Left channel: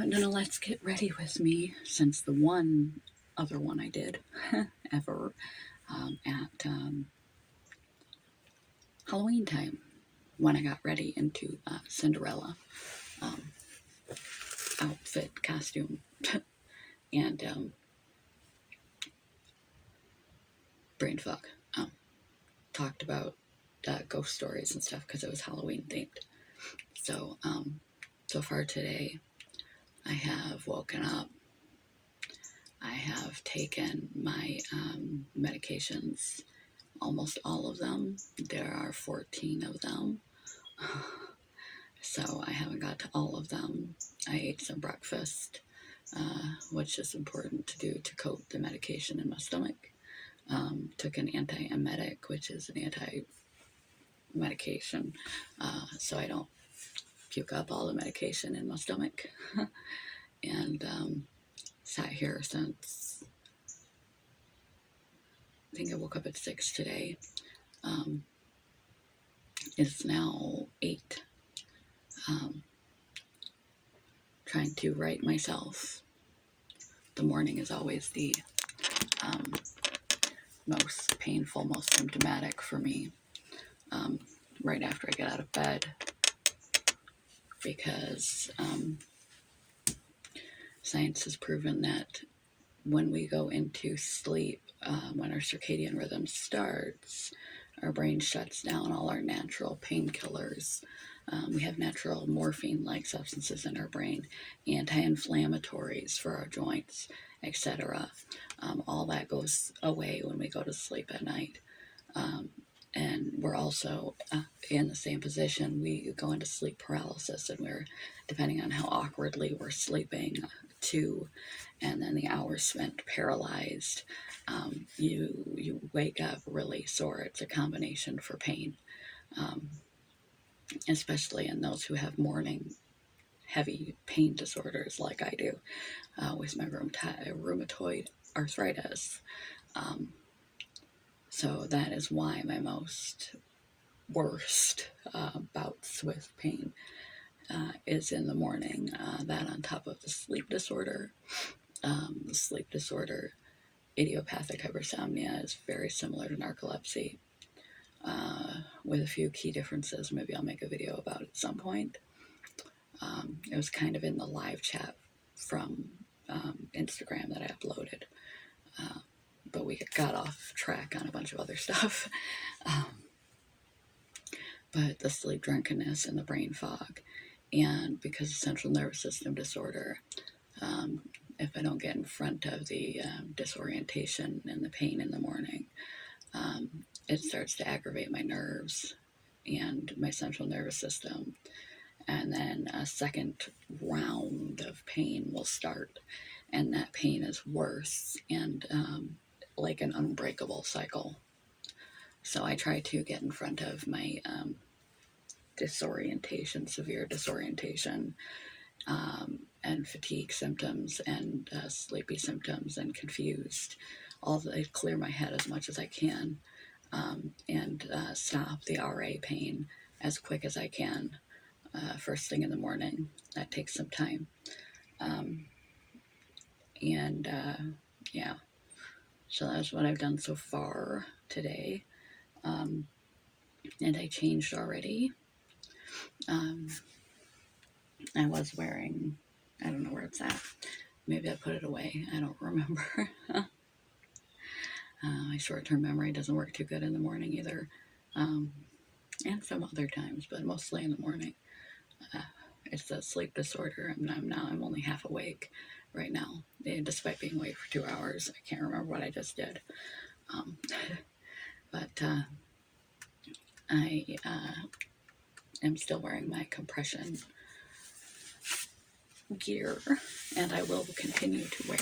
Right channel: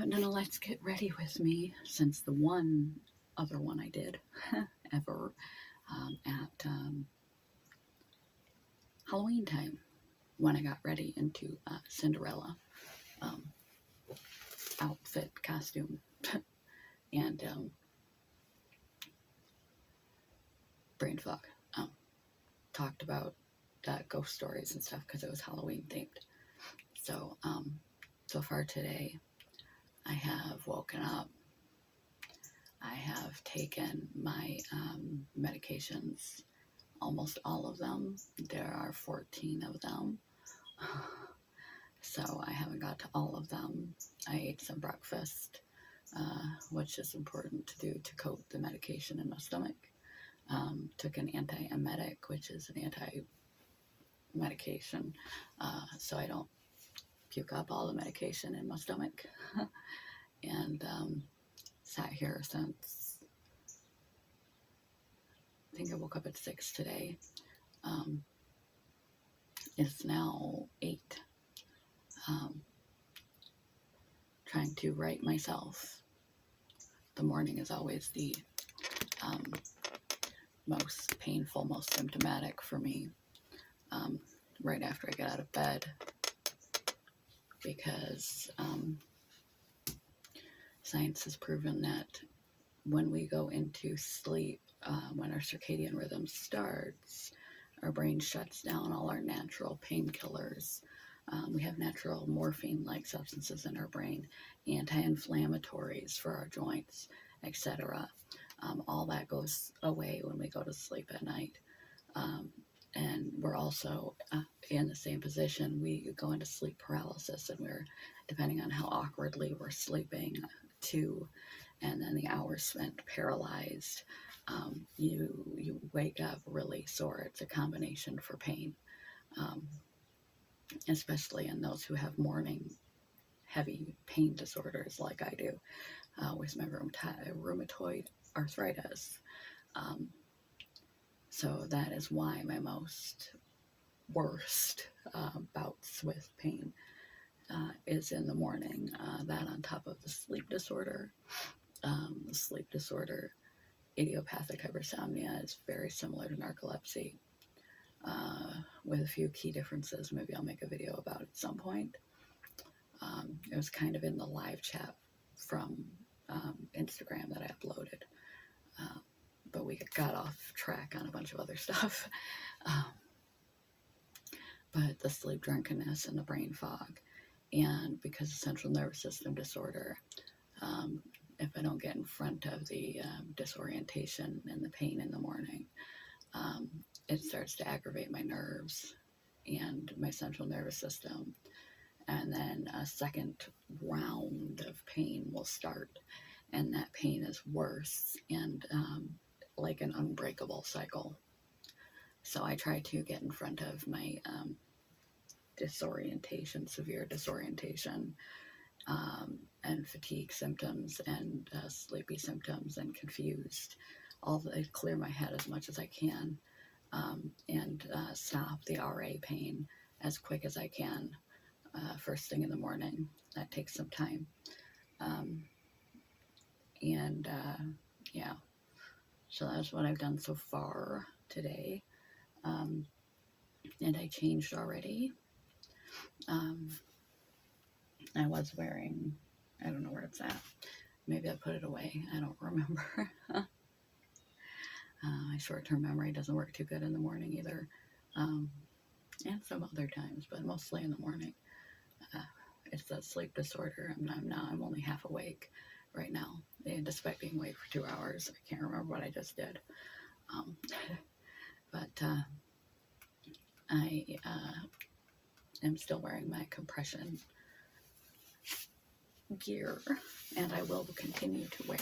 haven't done a Let's Get Ready with me since the one other one I did ever at Halloween time when I got ready into Cinderella outfit, costume, and brain fog. Talked about ghost stories and stuff because it was Halloween themed. So, so far today, I have woken up. I have taken my medications, almost all of them. There are 14 of them. So I haven't got to all of them. I ate some breakfast, which is important to do to coat the medication in my stomach. Took an antiemetic, which is an anti-medication, so I don't puke up all the medication in my stomach. And sat here since, I think I woke up at 6 today. It's now 8. Trying to right myself. The morning is always the most painful, most symptomatic for me, right after I get out of bed, because science has proven that when we go into sleep, when our circadian rhythm starts, our brain shuts down all our natural painkillers. We have natural morphine-like substances in our brain, anti-inflammatories for our joints, etc. All that goes away when we go to sleep at night. And we're also in the same position. We go into sleep paralysis, and we're, depending on how awkwardly we're sleeping, 2, and then the hours spent paralyzed, you wake up really sore. It's a combination for pain, especially in those who have morning heavy pain disorders like I do, with my rheumatoid arthritis. So that is why my most worst bouts with pain is in the morning. That on top of the sleep disorder. The sleep disorder, idiopathic hypersomnia, is very similar to narcolepsy, with a few key differences. Maybe I'll make a video about it at some point. It was kind of in the live chat from Instagram that I uploaded, but we got off track on a bunch of other stuff. But the sleep drunkenness and the brain fog, and because of central nervous system disorder, if I don't get in front of the disorientation and the pain in the morning, it starts to aggravate my nerves and my central nervous system. And then a second round of pain will start, and that pain is worse and like an unbreakable cycle. So I try to get in front of my disorientation, severe disorientation, and fatigue symptoms, and sleepy symptoms, and confused. I clear my head as much as I can, and stop the RA pain as quick as I can, first thing in the morning. That takes some time. Yeah, so that's what I've done so far today. And I changed already. I was wearing, I don't know where it's at. Maybe I put it away. I don't remember. My short-term memory doesn't work too good in the morning either. And some other times, but mostly in the morning. It's a sleep disorder. I'm only half awake right now, despite being awake for 2 hours. I can't remember what I just did. But I am still wearing my compression gear, and I will continue to wear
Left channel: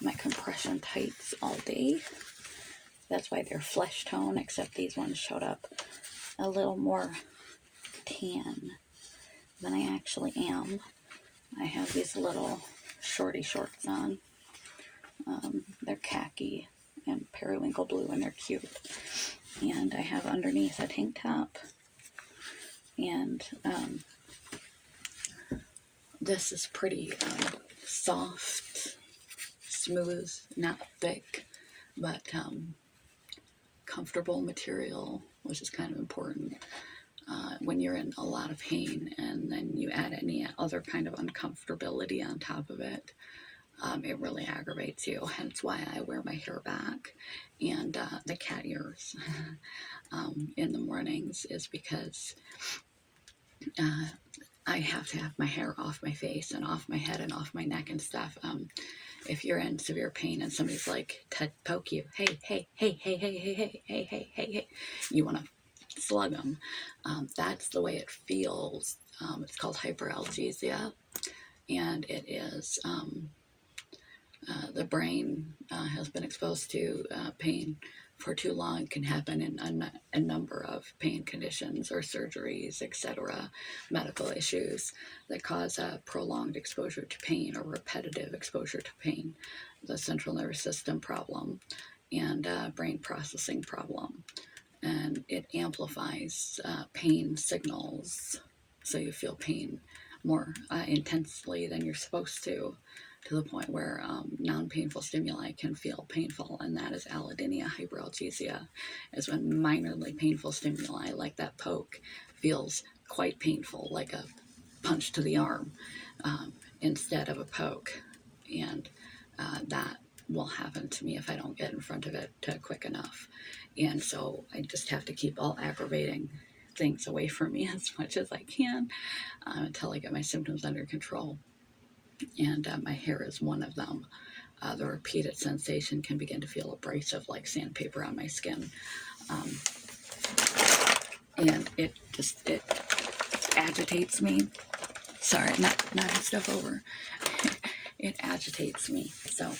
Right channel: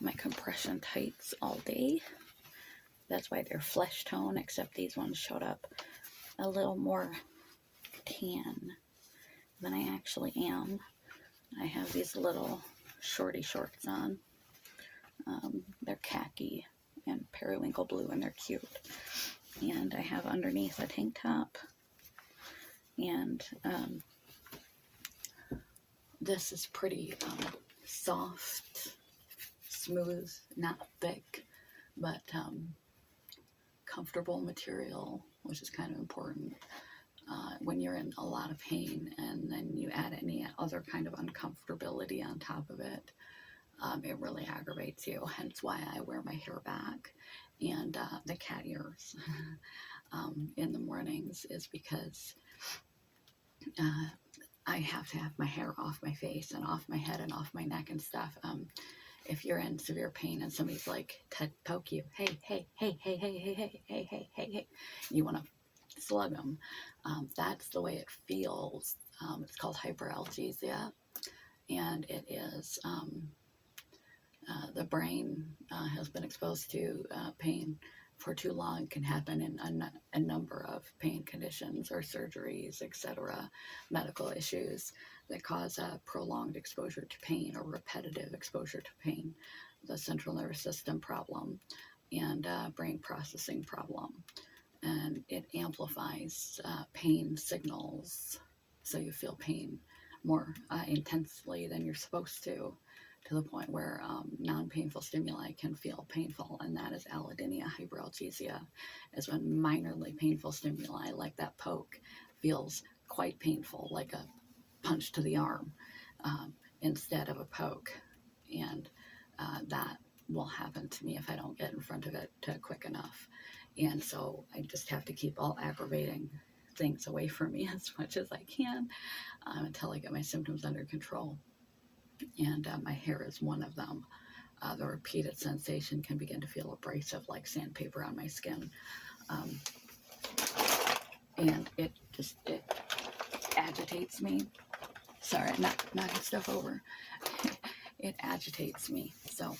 my compression tights all day. That's why they're flesh tone, except these ones showed up a little more tan than I actually am. I have these little shorty shorts on. They're khaki and periwinkle blue, and they're cute. And I have underneath a tank top and This is pretty soft, smooth, not thick, but comfortable material, which is kind of important. When you're in a lot of pain and then you add any other kind of uncomfortability on top of it, it really aggravates you. Hence why I wear my hair back and the cat ears in the mornings, is because I have to have my hair off my face and off my head and off my neck and stuff. If you're in severe pain and somebody's like to poke you, hey, hey, hey, hey, hey, hey, hey, hey, hey, hey, hey, you want to slug them. That's the way it feels. It's called hyperalgesia, and it is the brain has been exposed to pain for too long. It can happen in a number of pain conditions or surgeries, etc., medical issues that cause a prolonged exposure to pain or repetitive exposure to pain, the central nervous system problem, and brain processing problem. And it amplifies pain signals, so you feel pain more intensely than you're supposed to the point where non-painful stimuli can feel painful, and that is allodynia. Hyperalgesia is when minorly painful stimuli, like that poke, feels quite painful, like a punch to the arm instead of a poke. And that will happen to me if I don't get in front of it quick enough. And so I just have to keep all aggravating things away from me as much as I can until I get my symptoms under control. And my hair is one of them. The repeated sensation can begin to feel abrasive, like sandpaper on my skin. And it agitates me. Sorry, not knocking stuff over. It agitates me. So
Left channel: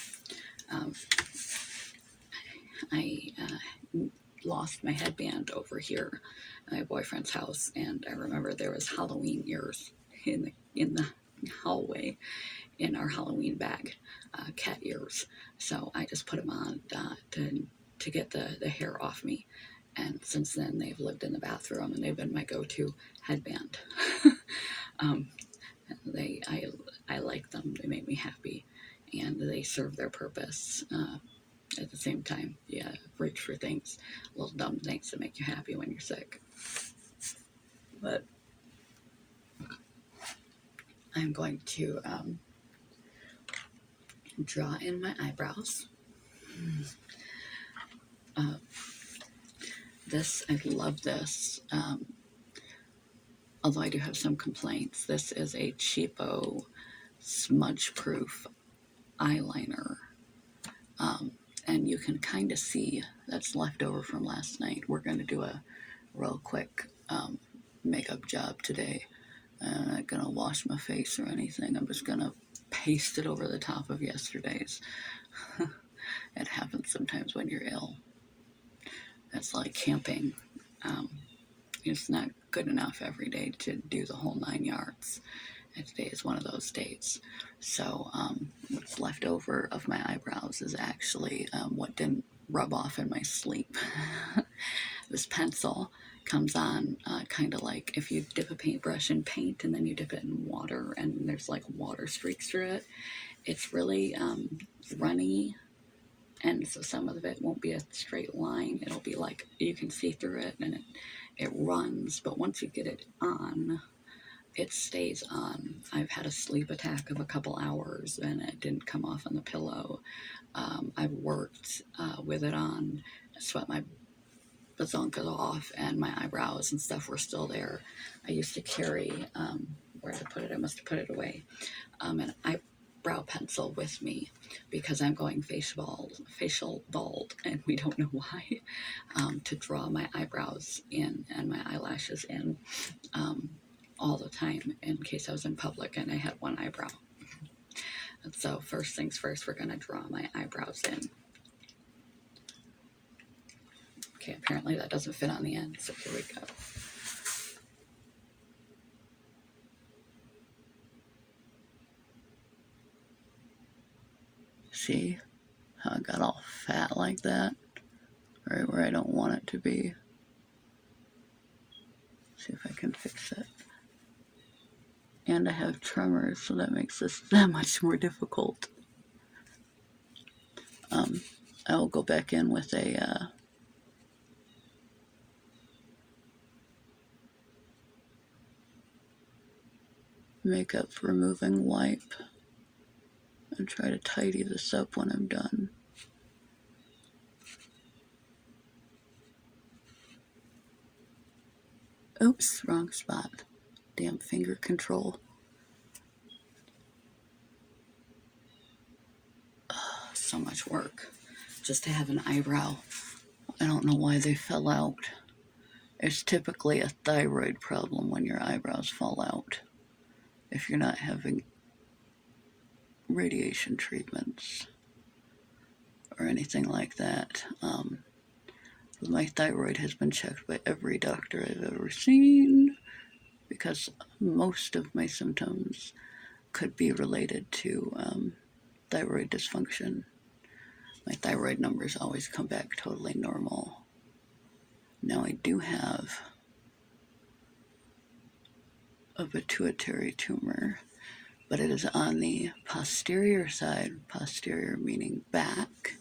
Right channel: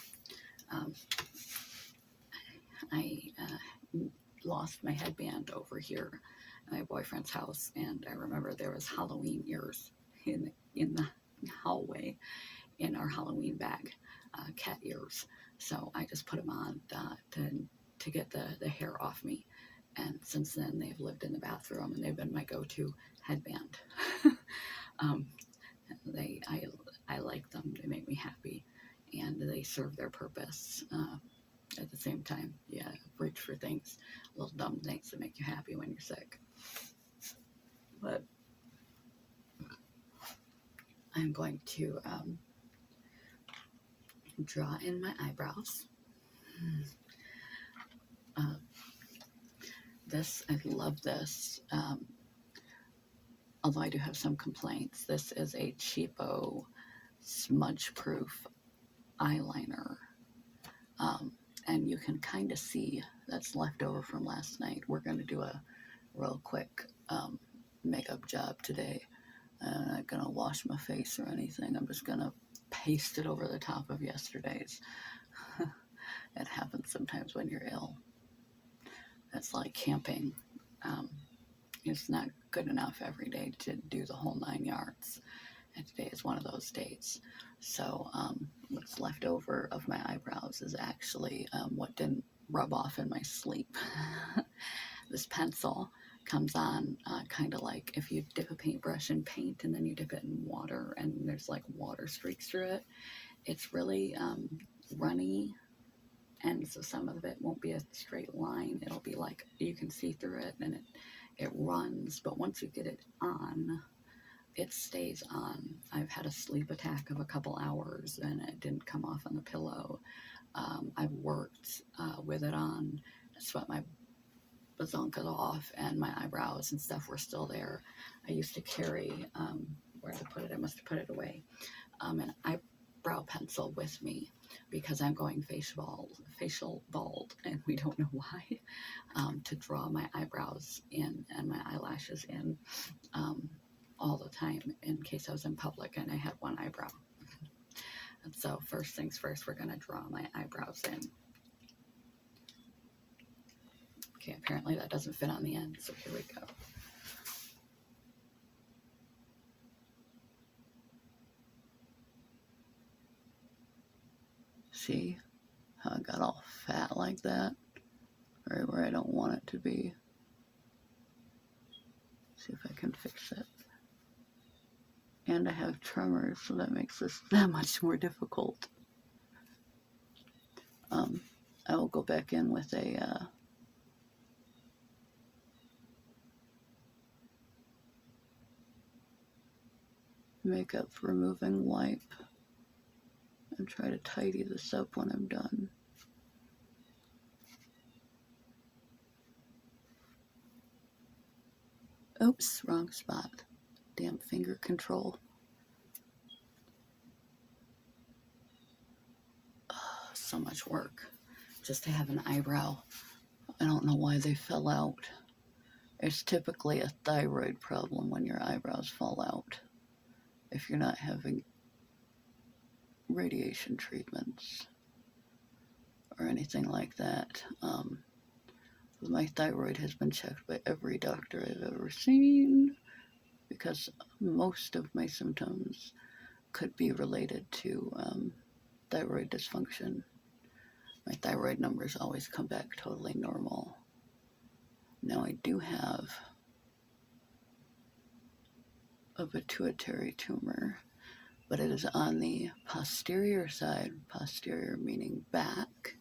I lost my headband over here at my boyfriend's house, and I remember there was Halloween ears in the hallway in our Halloween bag, cat ears. So I just put them on to get the hair off me. And since then, they've lived in the bathroom, and they've been my go-to headband. I like them. They make me happy, and they serve their purpose. At the same time, yeah, reach for things, little dumb things that make you happy when you're sick. But I'm going to draw in my eyebrows. I love this. Although I do have some complaints, this is a cheapo, smudge-proof eyeliner. And you can kind of see that's left over from last night. We're going to do a real quick makeup job today. I'm not going to wash my face or anything. I'm just going to paste it over the top of yesterday's. It happens sometimes when you're ill. It's like camping. It's not good enough every day to do the whole 9 yards. And today is one of those days. So what's left over of my eyebrows is actually what didn't rub off in my sleep. This pencil comes on kind of like if you dip a paintbrush in paint and then you dip it in water and there's like water streaks through it. It's really runny, and so some of it won't be a straight line. It'll be like you can see through it, and it runs, but once you get it on, it stays on. I've had a sleep attack of a couple hours and it didn't come off on the pillow. I've worked with it on, sweat my bazonkas off, and my eyebrows and stuff were still there. I used to carry, where did I put it? I must have put it away, an eyebrow pencil with me because I'm going facial bald, and we don't know why, to draw my eyebrows in and my eyelashes in all the time in case I was in public and I had one eyebrow. And so first things first, we're going to draw my eyebrows in. Okay, apparently that doesn't fit on the end, so here we go. See how it got all fat like that? Right where I don't want it to be. See if I can fix it. And I have tremors, so that makes this that much more difficult. I will go back in with a makeup removing wipe and try to tidy this up when I'm done. Oops, wrong spot. Damn finger control. Oh, so much work just to have an eyebrow. I don't know why they fell out. It's typically a thyroid problem when your eyebrows fall out if you're not having radiation treatments or anything like that. My thyroid has been checked by every doctor I've ever seen because most of my symptoms could be related to thyroid dysfunction. My thyroid numbers always come back totally normal. Now I do have a pituitary tumor, but it is on the posterior side, posterior meaning back,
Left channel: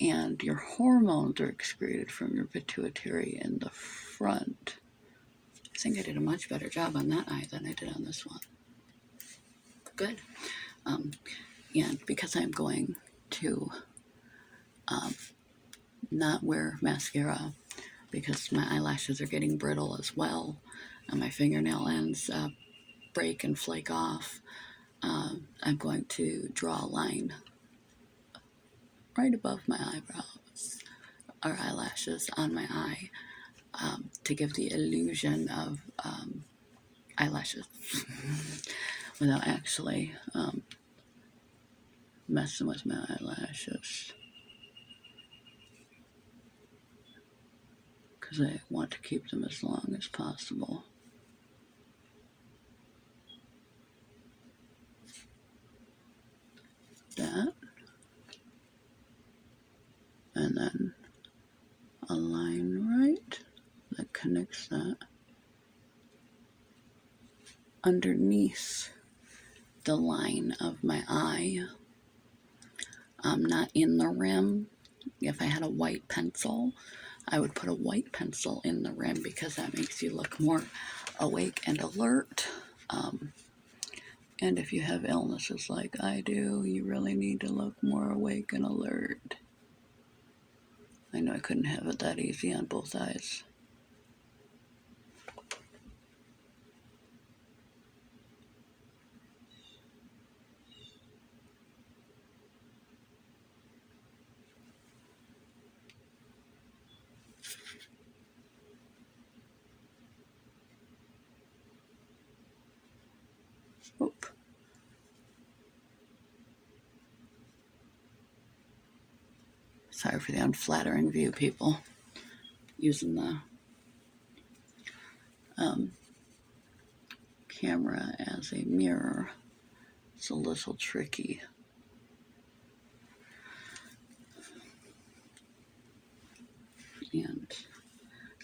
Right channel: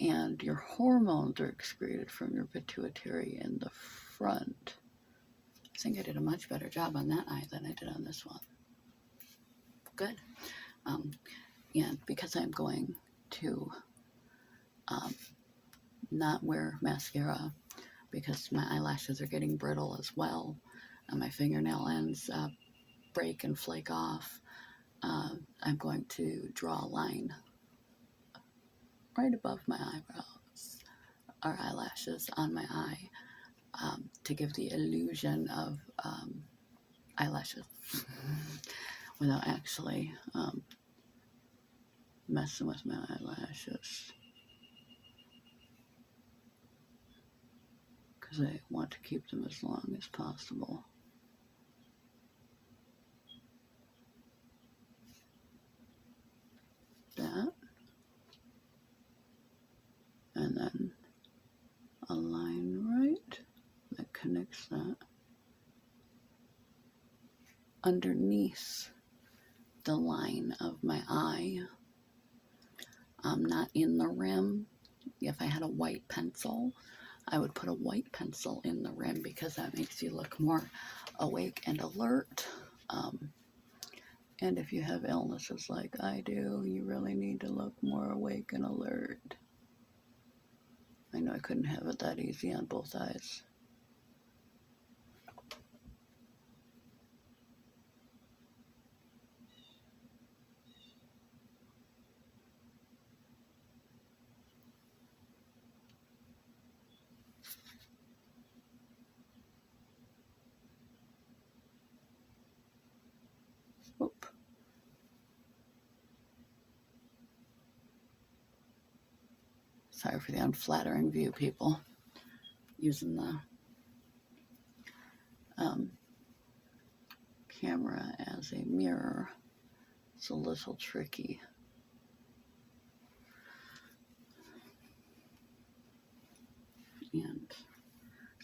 and your hormones are excreted from your pituitary in the front. I think I did a much better job on that eye than I did on this one. Good. And because I'm going to not wear mascara because my eyelashes are getting brittle as well, and my fingernail ends break and flake off, I'm going to draw a line right above my eyebrows or eyelashes on my eye to give the illusion of eyelashes without actually messing with my eyelashes, because I want to keep them as long as possible. That, and then a line right that connects that underneath the line of my eye, not in the rim. If I had a white pencil, I would put a white pencil in the rim because that makes you look more awake and alert. And if you have illnesses like I do, you really need to look more awake and alert. I know I couldn't have it that easy on both eyes. Oop. Sorry for the unflattering view, people. Using the camera as a mirror. It's a little tricky. And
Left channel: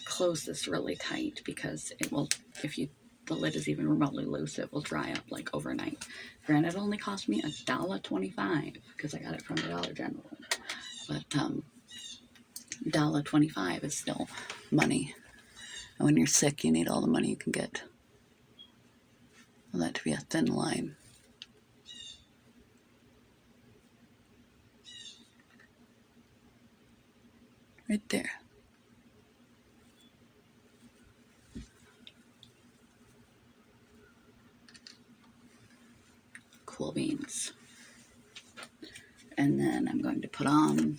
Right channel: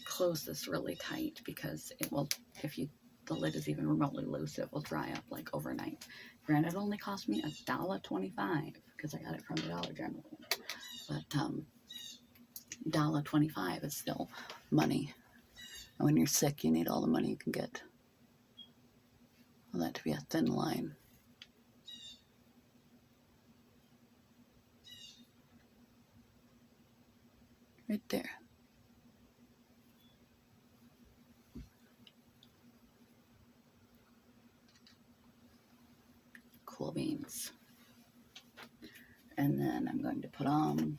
close this really tight because it will, if the lid is even remotely loose, it will dry up like overnight. Granted, it only cost me $1.25 because I got it from the Dollar General. But $1.25 is still money. And when you're sick, you need all the money you can get. I want that to be a thin line. Right there. Cool beans. And then I'm going to put on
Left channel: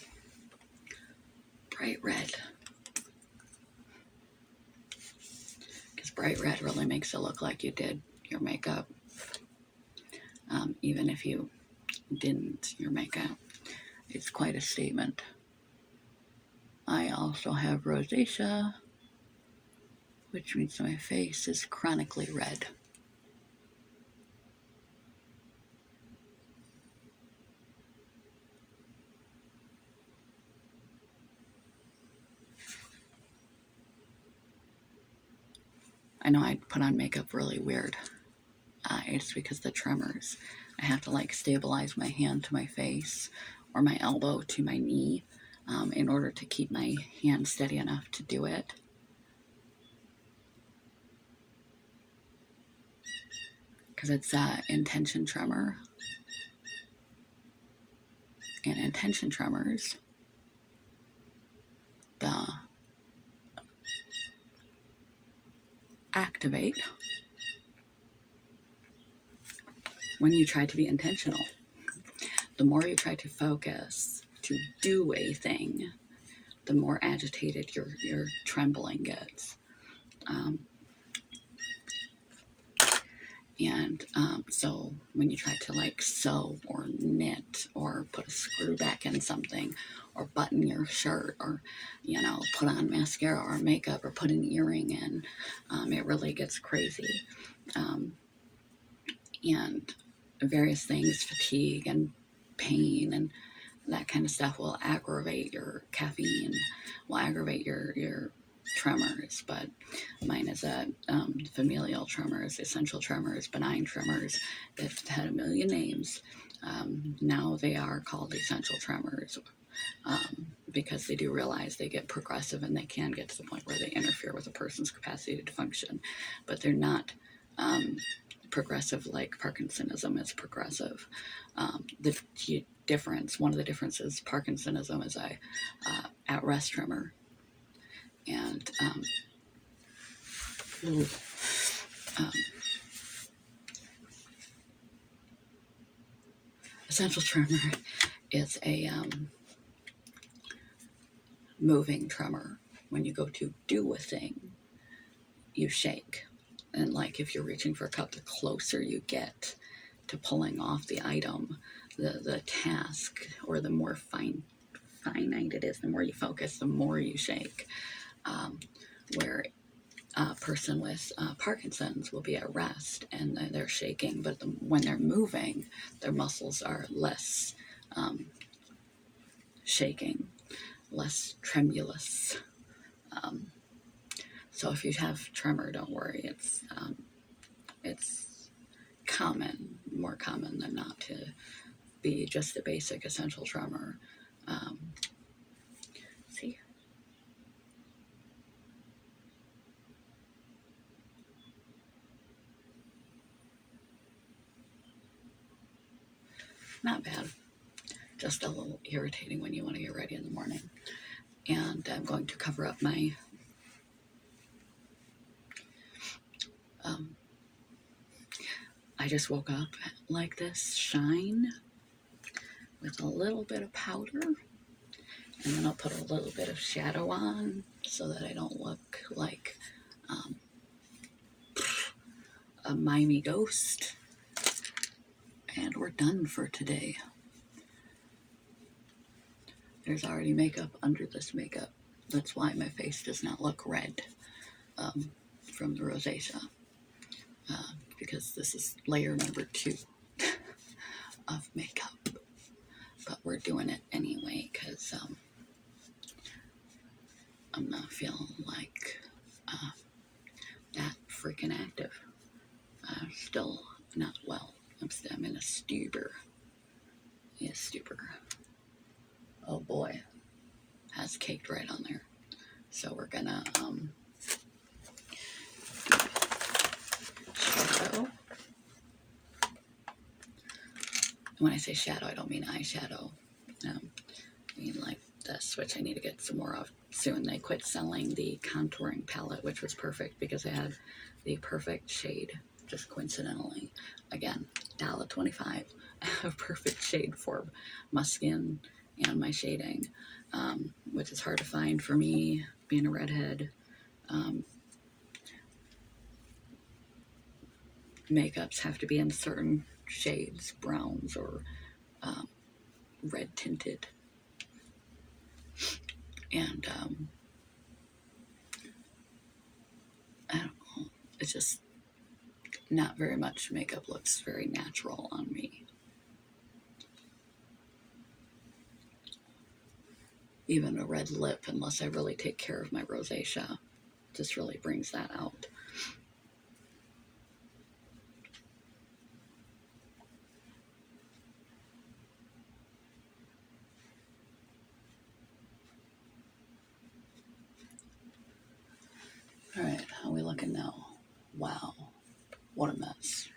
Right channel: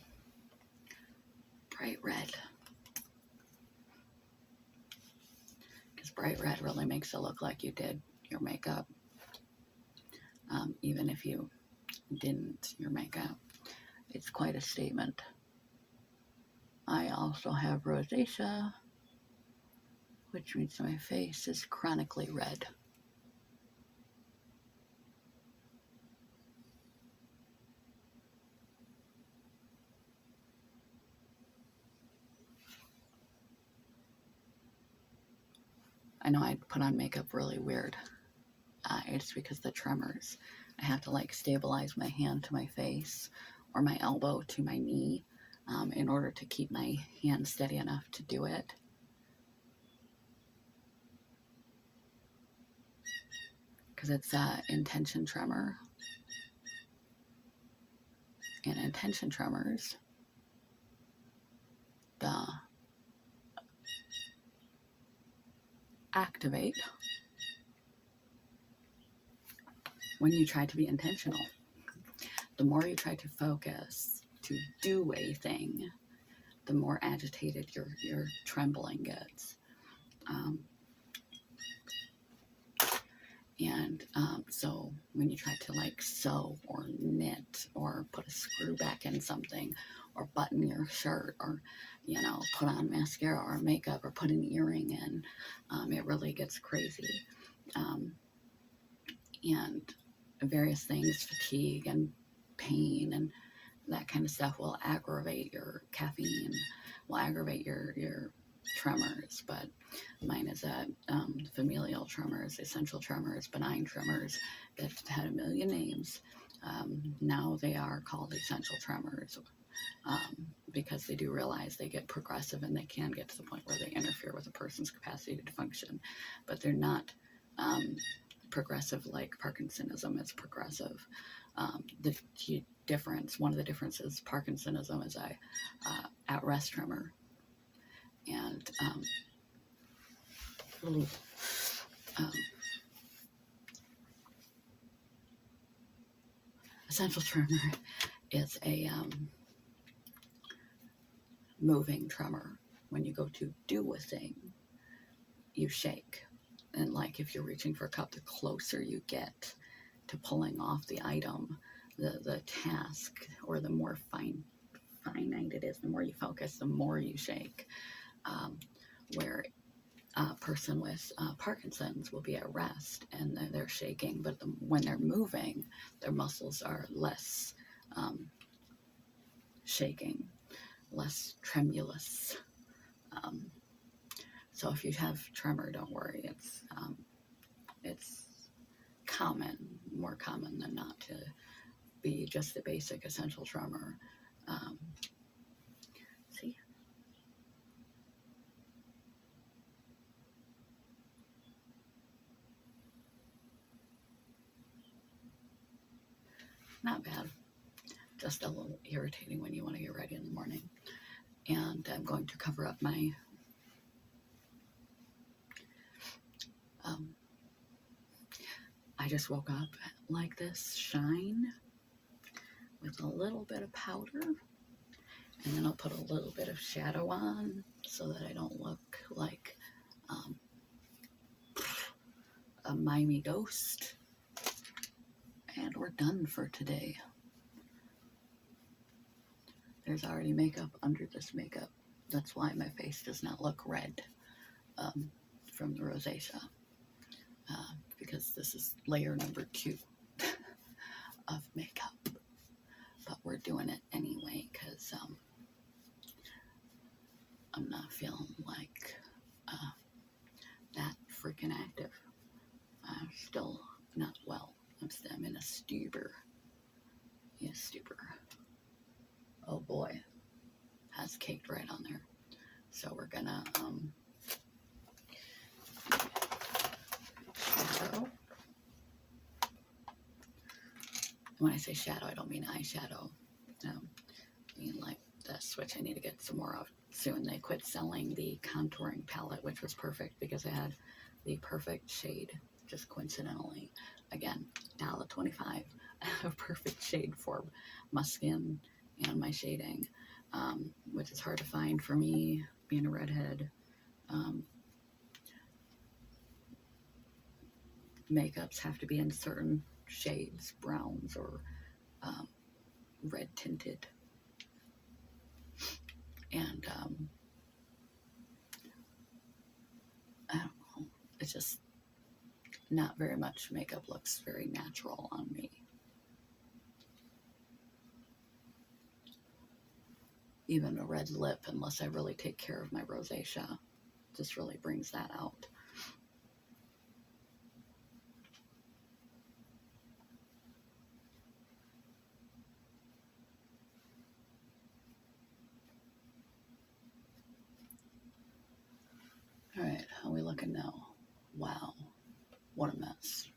bright red. Because bright red really makes it look like you did your makeup. Even if you didn't your makeup. It's quite a statement. I also have rosacea, which means my face is chronically red. I know I put on makeup really weird. I It's because the tremors. I have to like stabilize my hand to my face or my elbow to my knee in order to keep my hand steady enough to do it. Because it's intention tremor. And intention tremors, the activate when you try to be intentional. The more you try to focus to do a thing, the more agitated your trembling gets. So when you try to like sew or knit or put a screw back in something or button your shirt or, you know, put on mascara or makeup or put an earring in, it really gets crazy. And various things, fatigue and pain and that kind of stuff will aggravate your caffeine, will aggravate your tremors. But mine is a familial tremors, essential tremors, benign tremors. It's had a million names. Now they are called essential tremors because they do realize they get progressive and they can get to the point where they interfere with a person's capacity to function, but they're not progressive like Parkinsonism is progressive. The difference, one of the differences, Parkinsonism is a at-rest tremor, and essential tremor is a moving tremor. When you go to do a thing, you shake. And like if you're reaching for a cup, the closer you get to pulling off the item, the task, or the more finite it is, the more you focus, the more you shake. Where a person with Parkinson's will be at rest and they're shaking, but when they're moving, their muscles are less shaking, less tremulous. So if you have tremor, don't worry. It's common, more common than not, to be just a basic essential tremor. See, not bad. Just a little irritating when you want to get ready in the morning. And I'm going to cover up my I just woke up like this, shine, with a little bit of powder, and then I'll put a little bit of shadow on so that I don't look like a mimey ghost. And we're done for today. There's already makeup under this makeup. That's why my face does not look red from the rosacea. Because this is layer number 2 of makeup. But we're doing it anyway because I'm not feeling like that freaking active. Still not well. I'm in a stupor. Yeah, stupor. Oh boy. Has caked right on there. So we're gonna shadow. When I say shadow, I don't mean eyeshadow. I mean like this, which I need to get some more of soon. They quit selling the contouring palette, which was perfect because I had the perfect shade, just coincidentally. Again, $1.25, a perfect shade for my skin and my shading, which is hard to find for me, being a redhead. Makeups have to be in certain shades, browns or red tinted. And I don't know, it's just not very much makeup looks very natural on me. Even a red lip, unless I really take care of my rosacea, just really brings that out. know. Wow, what a mess.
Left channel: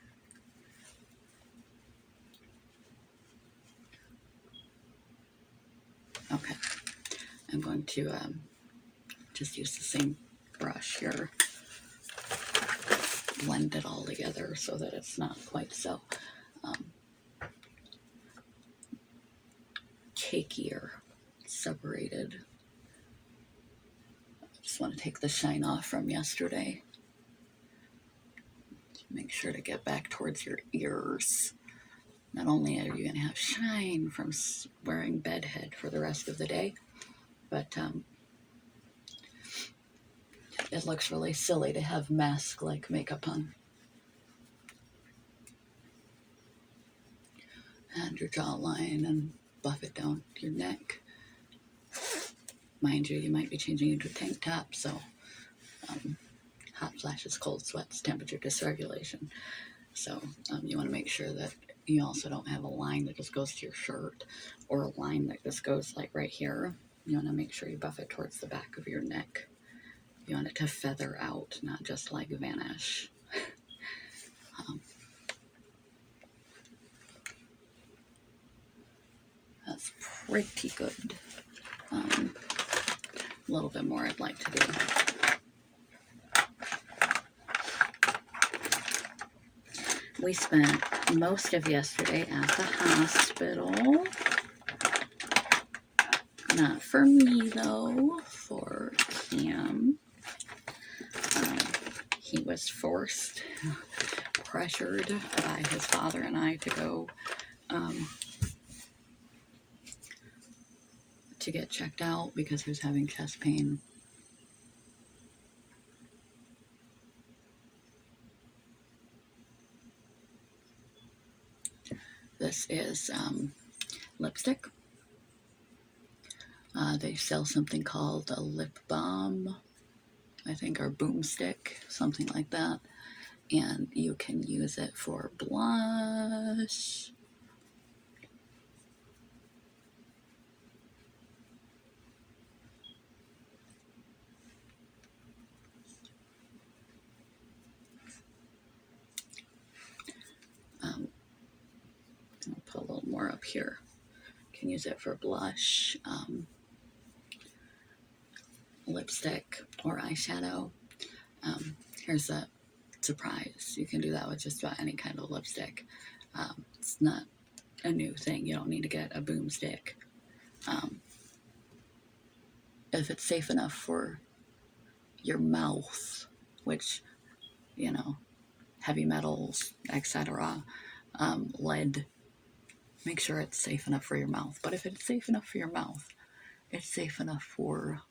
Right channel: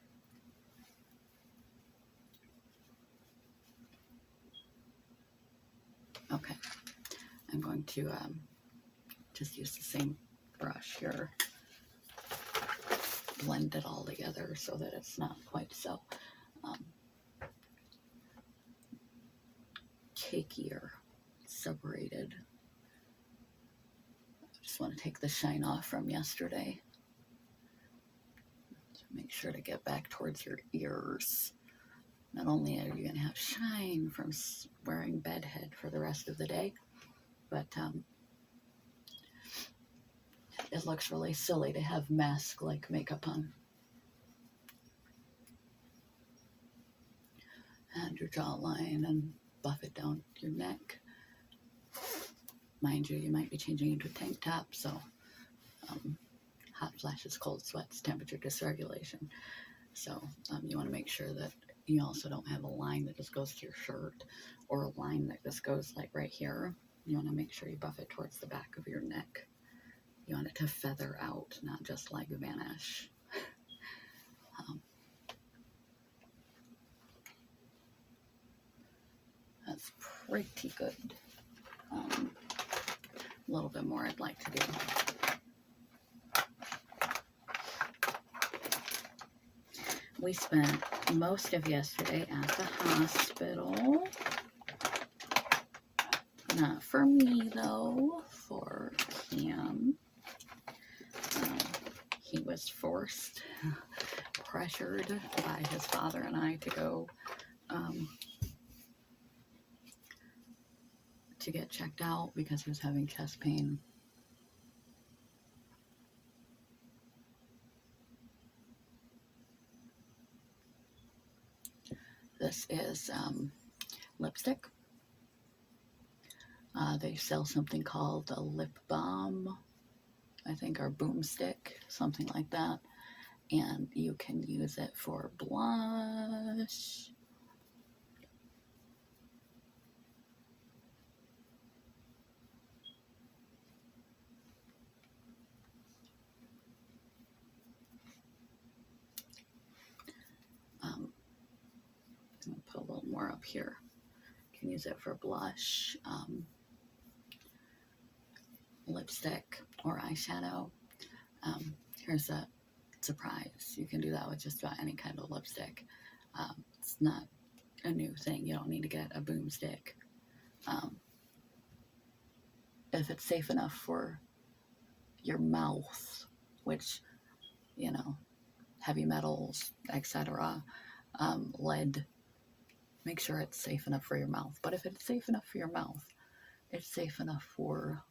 Okay, I'm going to just use the same brush here, blend it all together so that it's not quite so cakier, separated. I just want to take the shine off from yesterday. Make sure to get back towards your ears. Not only are you going to have shine from wearing bedhead for the rest of the day, but it looks really silly to have mask-like makeup on. And your jawline, and buff it down your neck. Mind you, you might be changing into a tank top, so hot flashes, cold sweats, temperature dysregulation. So you want to make sure that you also don't have a line that just goes to your shirt, or a line that just goes like right here. You want to make sure you buff it towards the back of your neck. You want it to feather out, not just like vanish. That's pretty good. A little bit more I'd like to do. We spent most of yesterday at the hospital. Not for me, though, for Cam. He was forced, pressured by his father and I to go to get checked out because he was having chest pain. This is lipstick. They sell something called a lip balm, I think, or boomstick, something like that. And you can use it for blush. I'll put a little more up here. You can use it for blush, lipstick, or eyeshadow. Here's a surprise. You can do that with just about any kind of lipstick. It's not a new thing. You don't need to get a boomstick. If it's safe enough for your mouth, which, you know, heavy metals, etc., lead, make sure it's safe enough for your mouth. But if it's safe enough for your mouth, it's safe enough for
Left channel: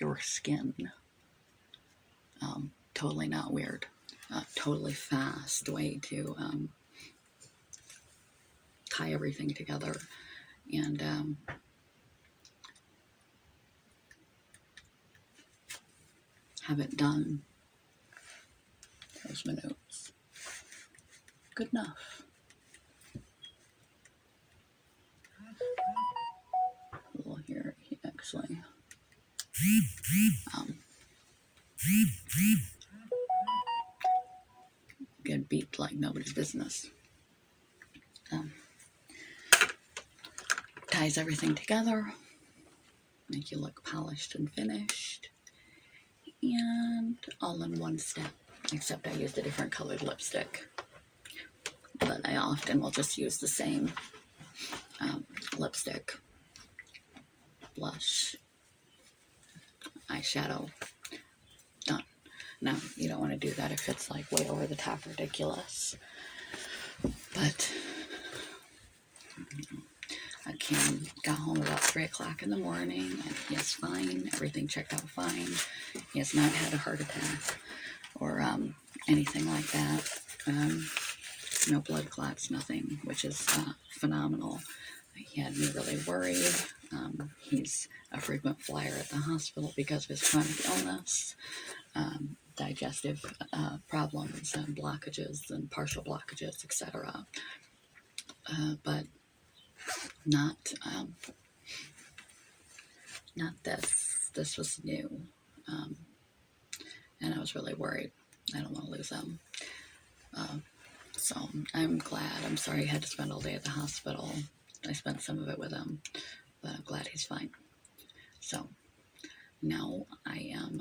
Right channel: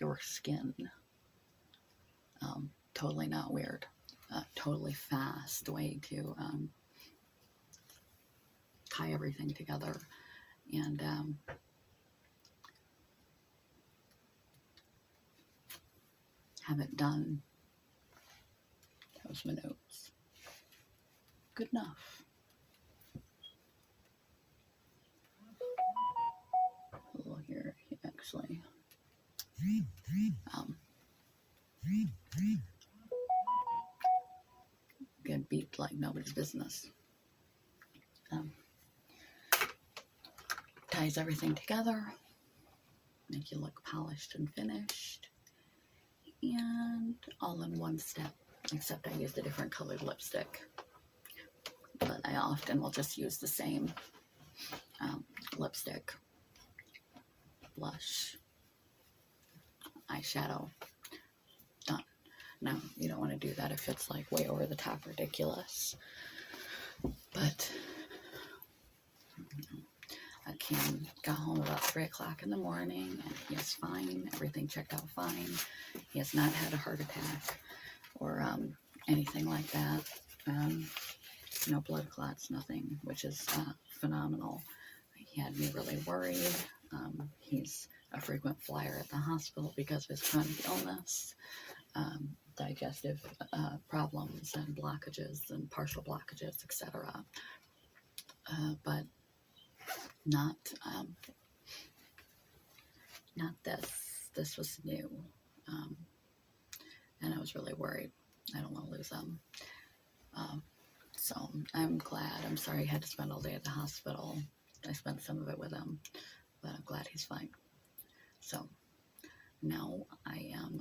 your skin. Totally not weird. Totally fast way to tie everything together. And have it done. There's my notes. Good enough. A little here, actually. Get beat like nobody's business. Ties everything together, make you look polished and finished, and all in one step. Except I used a different colored lipstick, but I often will just use the same lipstick, blush, eyeshadow, done. Now, you don't want to do that if it's like way over the top ridiculous, but Cam got home about 3 o'clock in the morning, and he is fine. Everything checked out fine. He has not had a heart attack or anything like that. No blood clots, nothing, which is phenomenal. He had me really worried. He's a frequent flyer at the hospital because of his chronic illness, digestive problems and blockages and partial blockages, etc. But not this. This was new, and I was really worried. I don't want to lose him. So I'm glad. I'm sorry he had to spend all day at the hospital. I spent some of it with him, but I'm glad he's fine. So now I am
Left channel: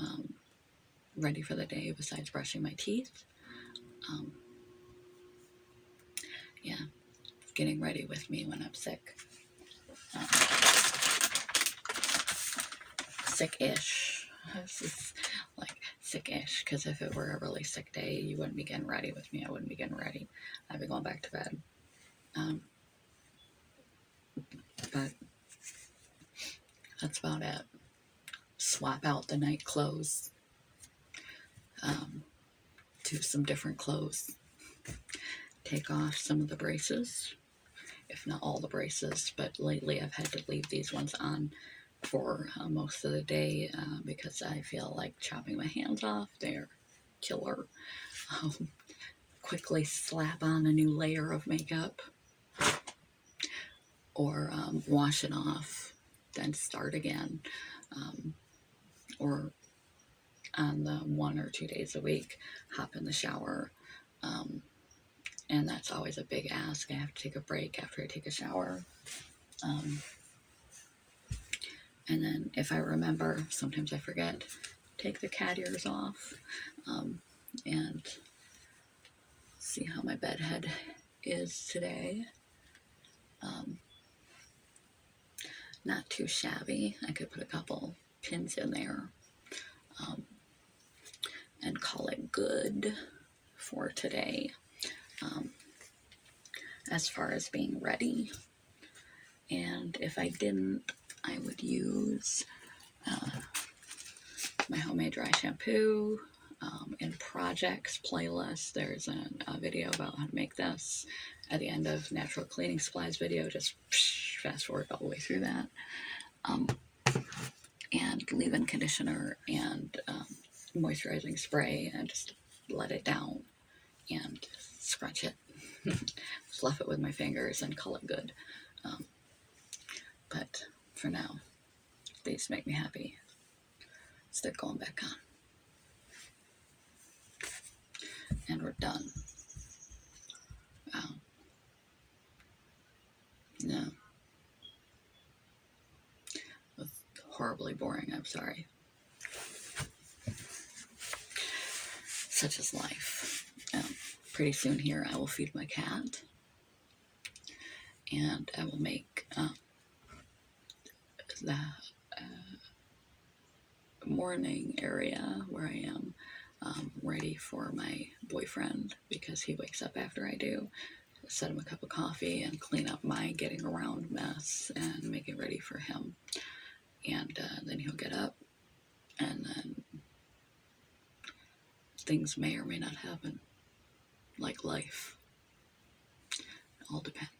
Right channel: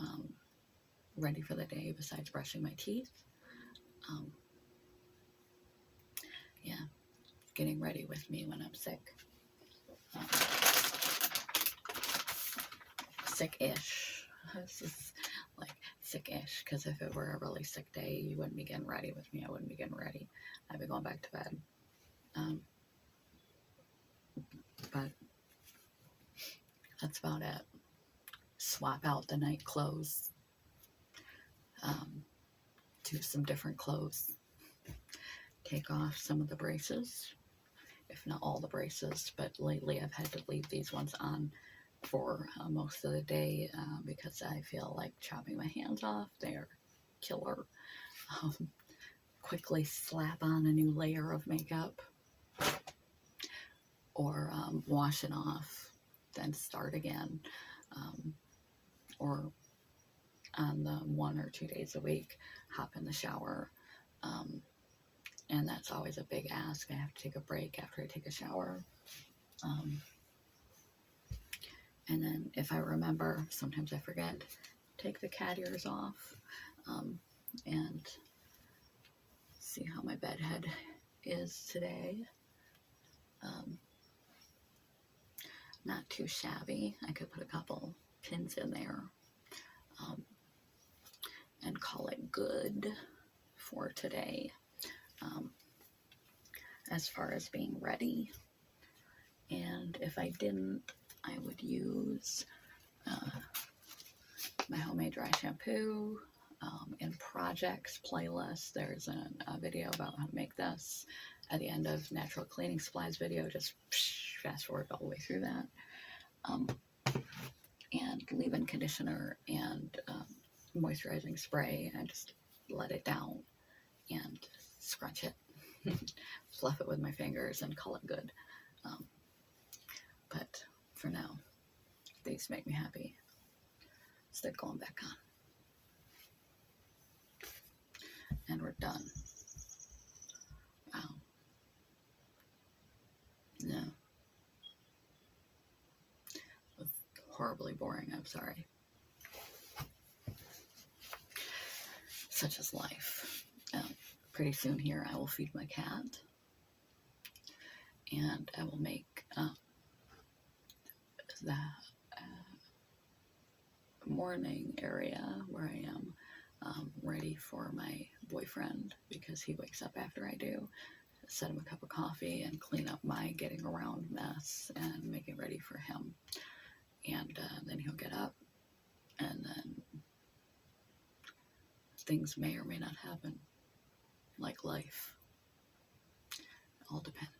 ready for the day besides brushing my teeth. Yeah, getting ready with me when I'm sick. Sick-ish. This is like sick-ish, because if it were a really sick day, you wouldn't be getting ready with me. I wouldn't be getting ready. I'd be going back to bed. But that's about it. Swap out the night clothes to some different clothes. Take off some of the braces, if not all the braces, but lately I've had to leave these ones on for most of the day because I feel like chopping my hands off. They're killer. Quickly slap on a new layer of makeup, or wash it off, then start again, or on the 1 or 2 days a week, hop in the shower. And that's always a big ask. I have to take a break after I take a shower. And then if I remember, sometimes I forget, take the cat ears off, and see how my bed head is today. Not too shabby. I could put a couple pins in there and call it good for today. As far as being ready, and if I didn't, I would use my homemade dry shampoo in projects playlist. There's a video about how to make this at the end of natural cleaning supplies video. Just fast forward all the way through that. And leave-in conditioner and moisturizing spray, and just let it down and scrunch it. Fluff it with my fingers and call it good. But for now, these make me happy. So they're going back on. And we're done. Wow. No. It was horribly boring, I'm sorry. Such is life. Pretty soon here I will feed my cat. And I will make the morning area where I am ready for my boyfriend, because he wakes up after I do. Set him a cup of coffee and clean up my getting around mess and make it ready for him. And then he'll get up, and then things may or may not happen, like life. It all depends.